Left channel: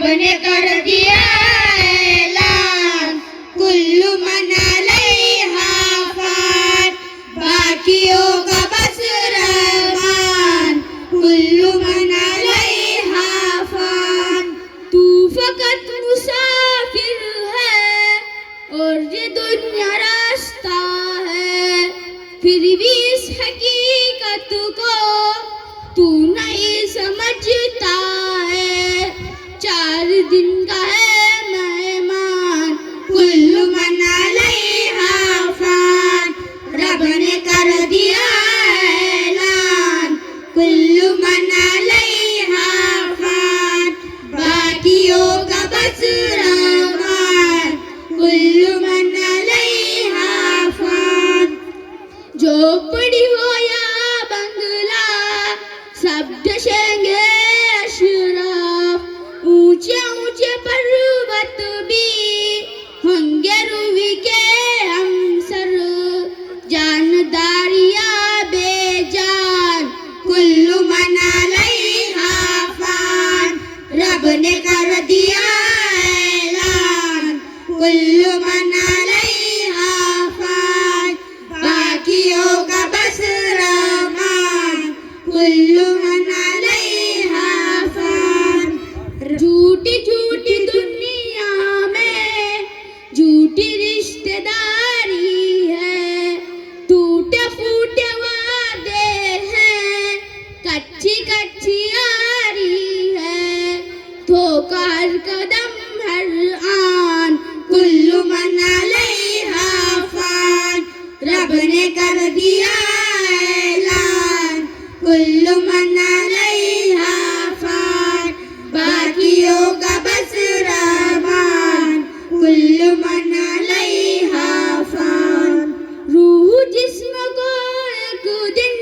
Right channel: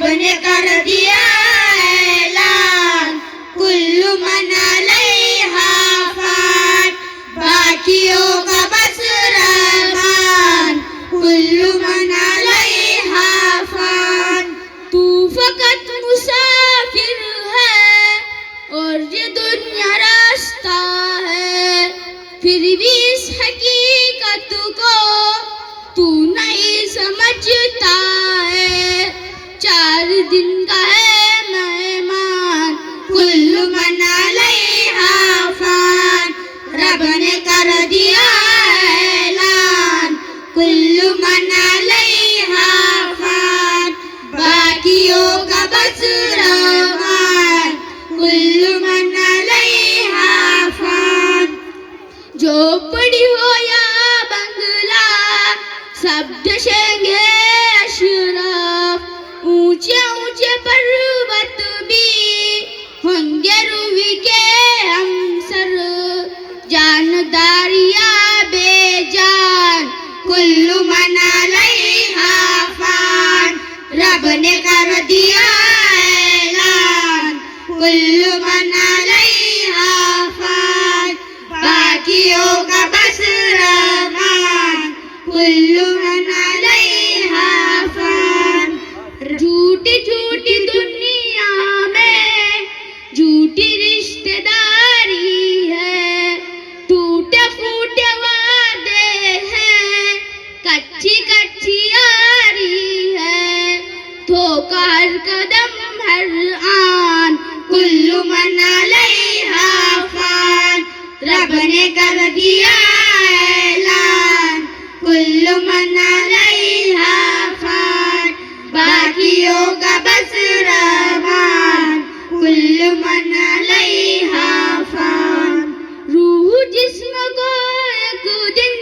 रब ने कर दिया ऐलान, कुल्लु मन अलैहा फान, बाकियों का बस रहमान, कुल्लु मन अलैहा फान। तू फकत मुसाफिर है और ये दुनिया रास्ता है, फिर भी इस हकीकत को तू नहीं समझता है। 4 दिन का है मेहमान, कुल्लु मन अलैहा फान, रब ने कर दिया ऐलान, कुल्लु मन अलैहा फान, बाकियों का बस रहमान, कुल्लु मन अलैहा फान। झोपड़ी हो या बंगला, सब दशेंगे अशरफ, ऊंचे ऊंचे पर्वत भी होंगे रूही के हमसर, जानदारिया बेजान, कुल्लु मन अलैहा फान, रब ने कर दिया ऐलान, कुल्लु मन अलैहा फान, बाकियों का बस रहमान, कुल्लु मन अलैहा फान। झूठी झूठी दुनिया में झूठी रिश्तेदारी है, टूटे फूटे वादे हैं, कच्ची कच्ची यारी है, धोखा हर कदम हर आन, कुल्लु मन अलैहा फान, रब ने कर दिया ऐलान, कुल्लु मन अलैहा फान, बाकियों का बस रहमान, कुल्लु मन अलैहा फान। रूह जिस्म को एक दिन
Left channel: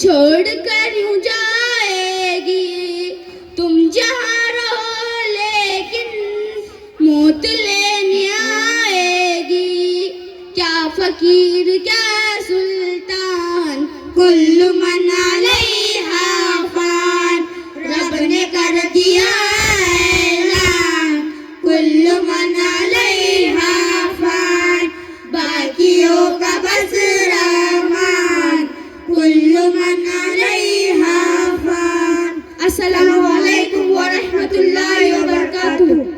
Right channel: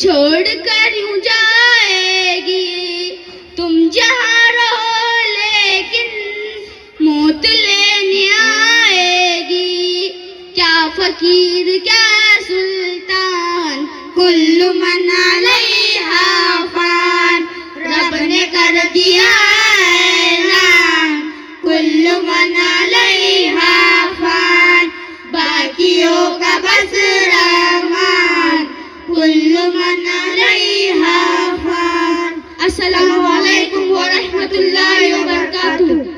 छोड़ कर यूं जाएगी, तुम जहाँ